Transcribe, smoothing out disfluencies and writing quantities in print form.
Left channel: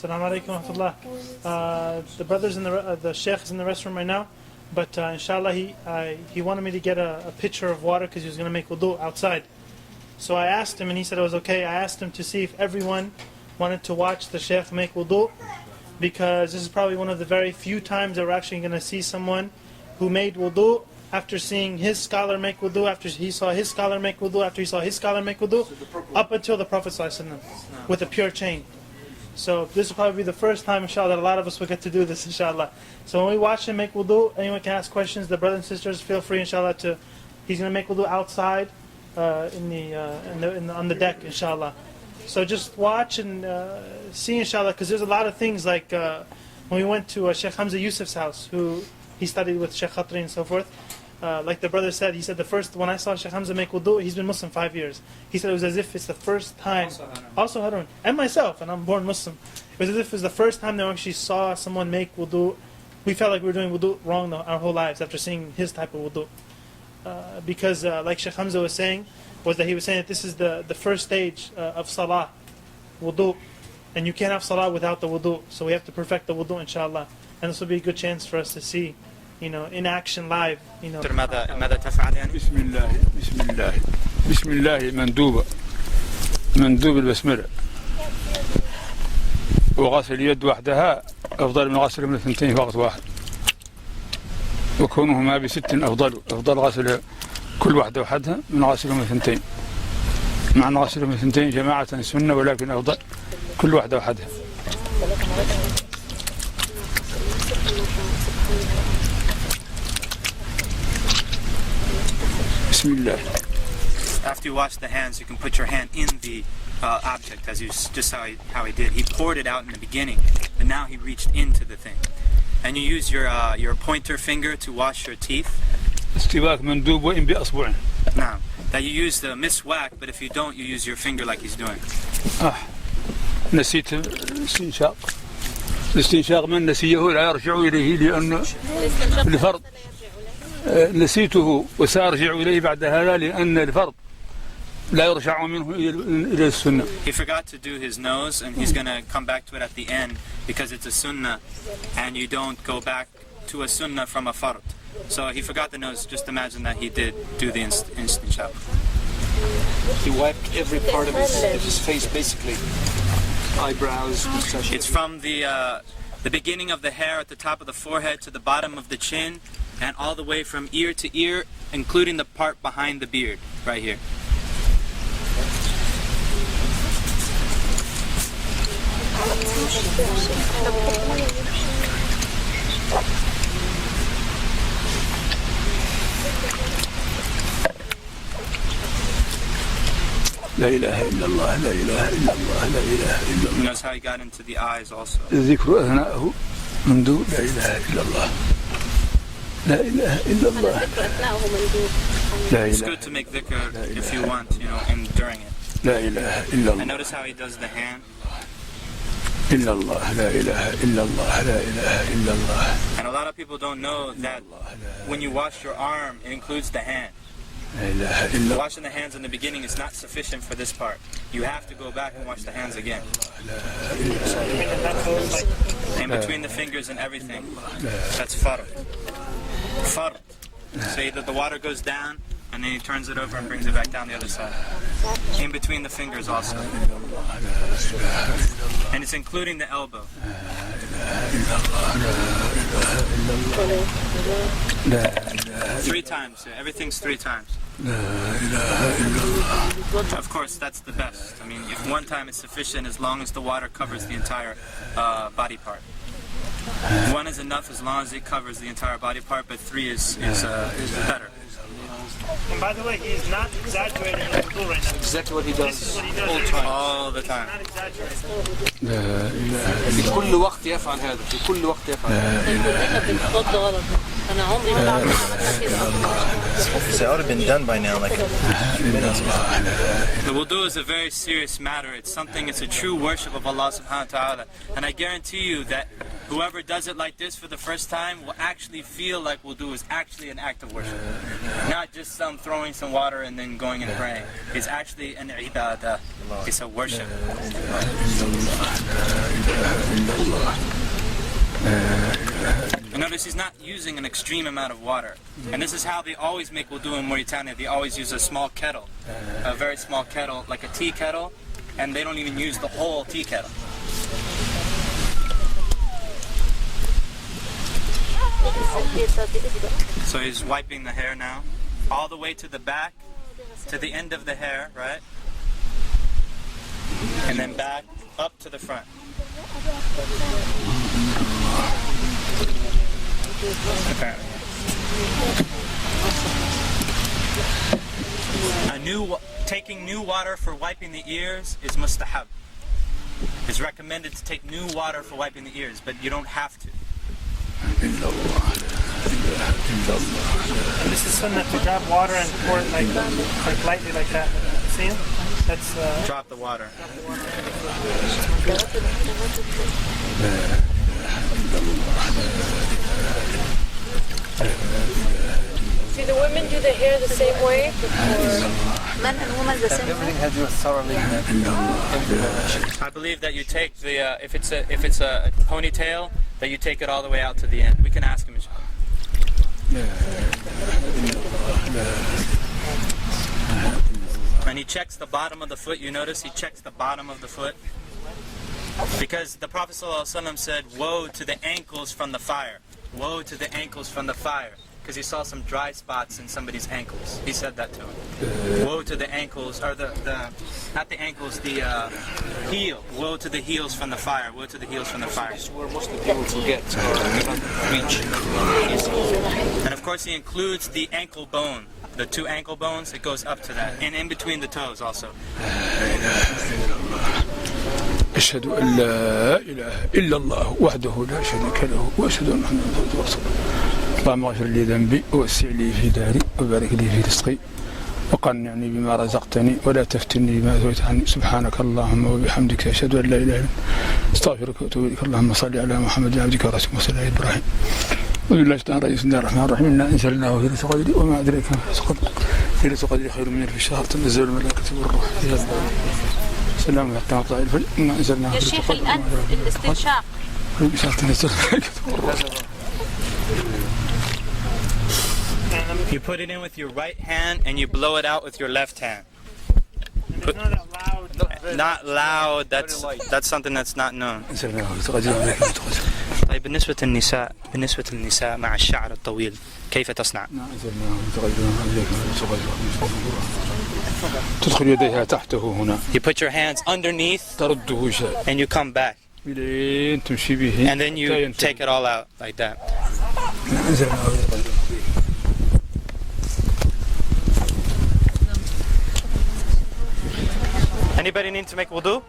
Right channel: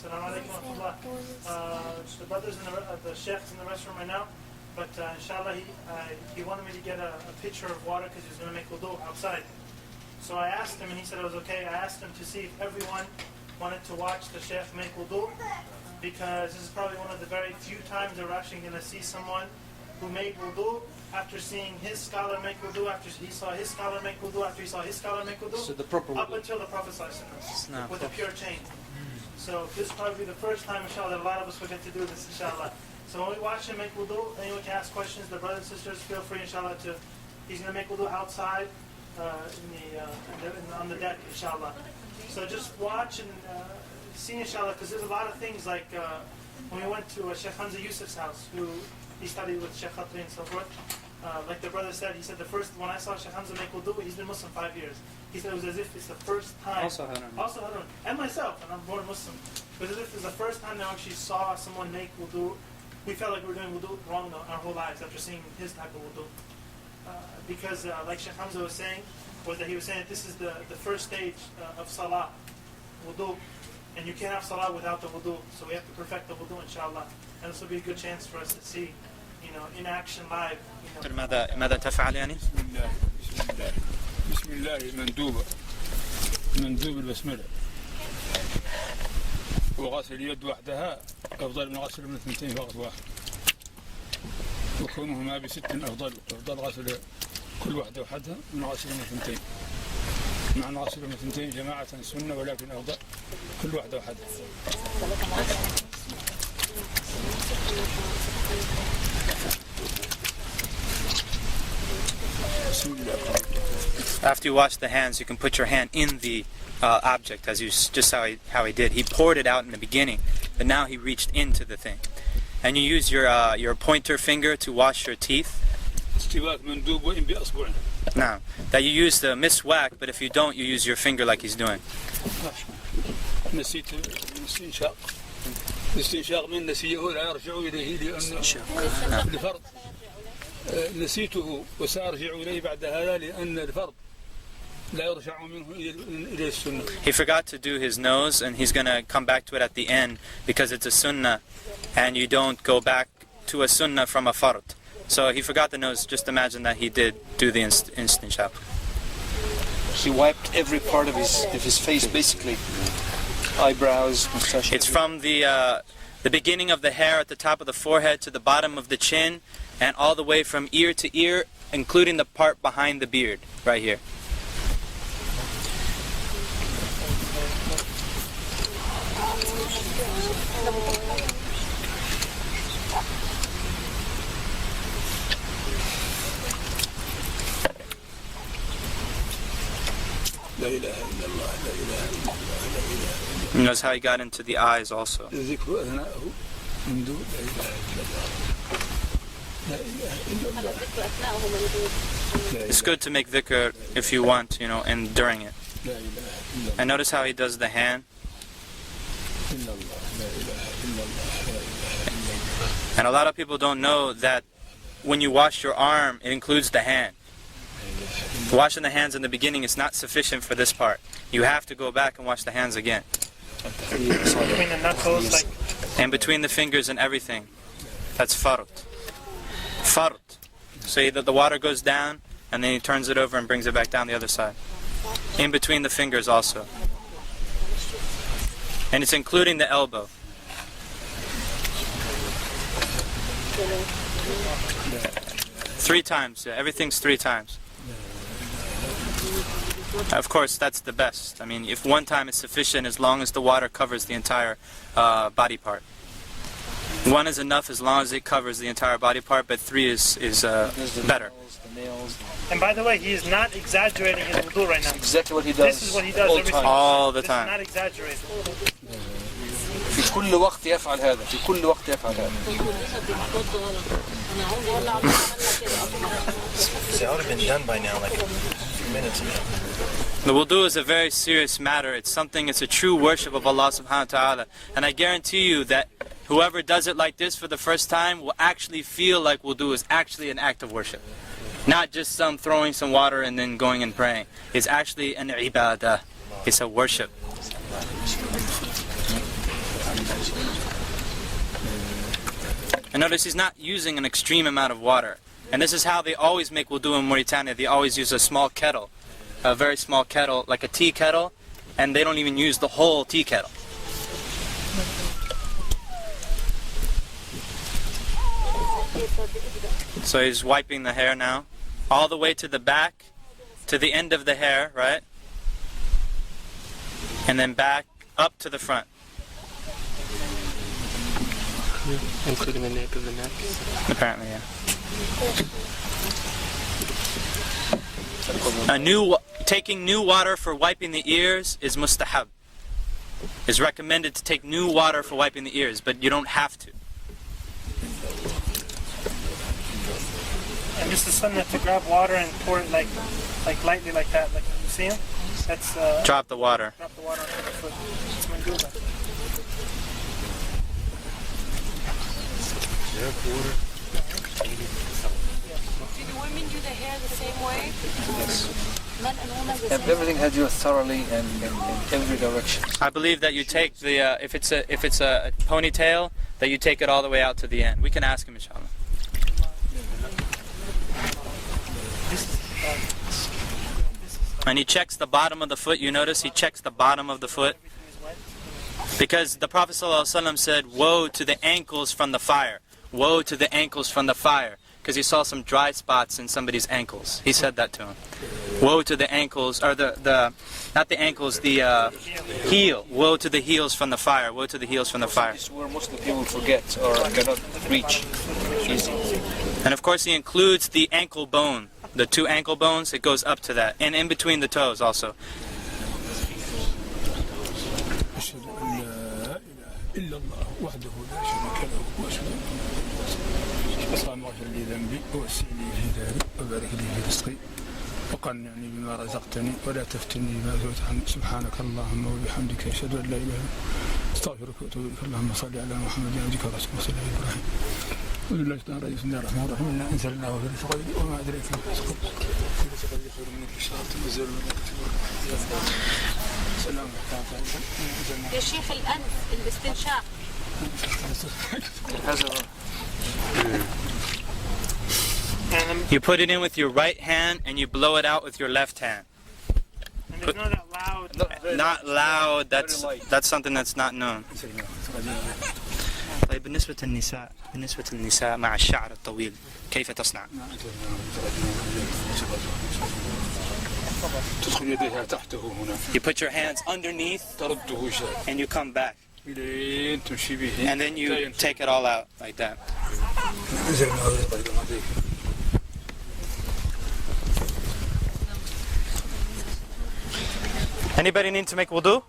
Assalamu alaikum wa rahmatullah. The brothers in the Sheikh is in the restroom right now, but inshallah he wanted me to get a pitcher of water because he was going to make wudu outside. So I asked him and he said it was okay. I asked him to see if everyone wanted to watch the Sheikh make wudu, because this is probably one of the very few times that we're actually going to see someone who made wudu after seeing his scholar make wudu, after he saw his scholar make wudu, after he saw his scholar make wudu, up until the Prophet ﷺ with a pure chain. So this will probably be the first time, inshallah, that a lot of us will get to do this, inshallah. So when we watch him make wudu, anyone can ask questions. The brothers and sisters, feel free, inshallah, he's going to make wudu outside on the deck, inshallah. So just watch and see, inshallah, because there's a lot of things like when we went to Sheikh Hamza Yusuf's house, who he studied with Sheikh Khatri and so forth. Like the brother said, he said when I saw Sheikh Hamza make wudu, he's been Muslim 5 years. He said it was as if it's the first time, also Harun, and myself, and I'm born Muslim. It was as if it was the first time that we actually saw someone make wudu. We felt like we were doing wudu wrong our whole lives after seeing his type of wudu. Because like Sheikh Hamza was saying, he was saying that this is the first stage of salah, wudu. And you can't have salah without the wudu. So we have to perfect the wudu, inshallah. And this will be a good chance for us to see, in action live. ماذا تفعل يعني؟ بسم الله مندوب البسملة، وغسل اليد وحدها أفضل من غسل من اثنتين في وقت واحد، وكونهما بست أفضل غسل كل واحدة وحدها من غسل من اثنتين، مع أن غسل من اثنتين جماعة سنة، ولكن أفضل كل واحدة وحدها. After you wash the hands, you can put your hand in the object, as just how he did. He poured it out in the beginning, but now he reached into the thing. And you use your pointer finger to wash your teeth. Now, that you use the miswak, but if you don't, you use your finger like he's doing. نسيت الاستنشاق من نسيه لا يرجع إليه لأن الفرض نسيته وسأرجع إليه بعد هذا لأن الفرض لا يرجع منه إلى السنة. He forgot to do his nose, and he's going to come back to it at the end because it's a sunnah, and you don't go back to a sunnah from a fard. So he forgot the nose. Just imagine that he did do the istinshaq. He wiped every part of his face, basically. Eyebrows, mustache. It's from the beginning of the hair at the top of the forehead to the bottom of the chin, and all the way from ear to ear, including the part behind the beard, right here. لا إله إلا الله لا إله إلا الله لا إله إلا الله. He knows how he got into the eyes also. ذكر أثناءه مندوب لا إله إلا الله لا إله إلا الله. It's good to make dhikr if you want, and during it. لا إله إلا الله. And notice how he does the hand. إلا الله لا إله إلا الله لا إله إلا الله. And a lot of people don't know that when you wash your arm, it includes the hand. Washing the hands in the beginning is not sufficient for this part. You have to go back and wash the hands again. And between the fingers and everything. That's fard. Fard. So either the water goes down, and then he turns it over and brings it back down the other side. In between the fingers also. And it's including the elbow. Three times, yeah, everything's 3 times. Of course, that's the best. I mean, if one time is sufficient, as long as the water covers the entire body part. 1 is enough as long as it covers the entire body part, but 3 is better. And by the way, he is not exaggerating his wudu right now. Exactly what he does. This is what he does all the time. Not exaggerating. في كل وقت يفعل هذا. في كل وقت يفعل هذا. So that would have been done by now, like a few minutes ago. The wudu is a very serious matter. It's a true worship of Allah subhanahu wa ta'ala. And I guarantee you that whoever does it like this for the first time will actually feel like wudu is actually an act of worship. Not just throwing some water and then going and praying. It's actually an ibadah. It's a worship. And notice he's not using an extreme amount of water. And this is how they always make wudu in Mauritania. They always use a small kettle, a very small kettle, like a tea kettle, and they don't even use the whole tea kettle. So he's wiping the hair now, all the way to the back, to the end of the hair, right? And then back up to the front. Apparently, yeah. Taking new water for wiping the ears is mustahab. It's recommended to take new water for wiping the ears, but you don't have to. And this is sunnah to grab water and pour it like lightly like that. Like, see him? That's Drop the water. drop the water onto the foot. Do the women do the hair the same way? Men and women the same Everything has to do thoroughly in every direction. I believe that you take the if it's a ponytail, that you take it all the way out to the end. We can ask him, inshallah. And he checks the bottom of the foot. You notice he checks the bottom of the foot, because the Prophet ﷺ said, "Woe to the ankles from the fire! Woe to the ankles from the fire!" Because he saw some dry spots in somebody's ankles. He said that to him. Woe to the ankles, or not the ankles, the heel. Woe to the heels from the fire. Woe to the heels from the fire. This is where Muslim people forget or cannot reach easy. And of course he includes the ankle bone. The two ankle bones, it goes up to that. And in between the toes also. أشهد أن لا إله إلا الله وحده لا شريك له وأشهد أن محمدا عبده ورسوله اللهم اغفر لي ذنبي ووسع لي في داري وبارك لي في رزقي وقنعني بما رزقتني ولا تفتني بما زويت عني سبحانك اللهم وبحمدك أشهد أن لا إله إلا أنت أستغفرك وأتوب إليك اللهم صل على محمد عبدك ورسولك وصل على إبراهيم وبالله تعالى بسم الله الرحمن الرحيم إنا أنزلناه في ليلة القدر وما أدريك ما ليلة القدر خير من ألف شهر تنزل الملائكة والروح فيها سلام حتى مطلع الفجر إنا أنزلناه يا شيخ الأنف الاستنشاق. You put it in with your right hand and you blow it out with your left hand. And it's not that loud. Not loud. That's something that's not known. طيب بالنسبة للنساء مع الشعر الطويل كيف تصنع؟ تدخل يديها تحته هنا You put your hands underneath ترده شيء and you come back. إلين تمشي به And then you take it all out like that. Anybody need to make wudu?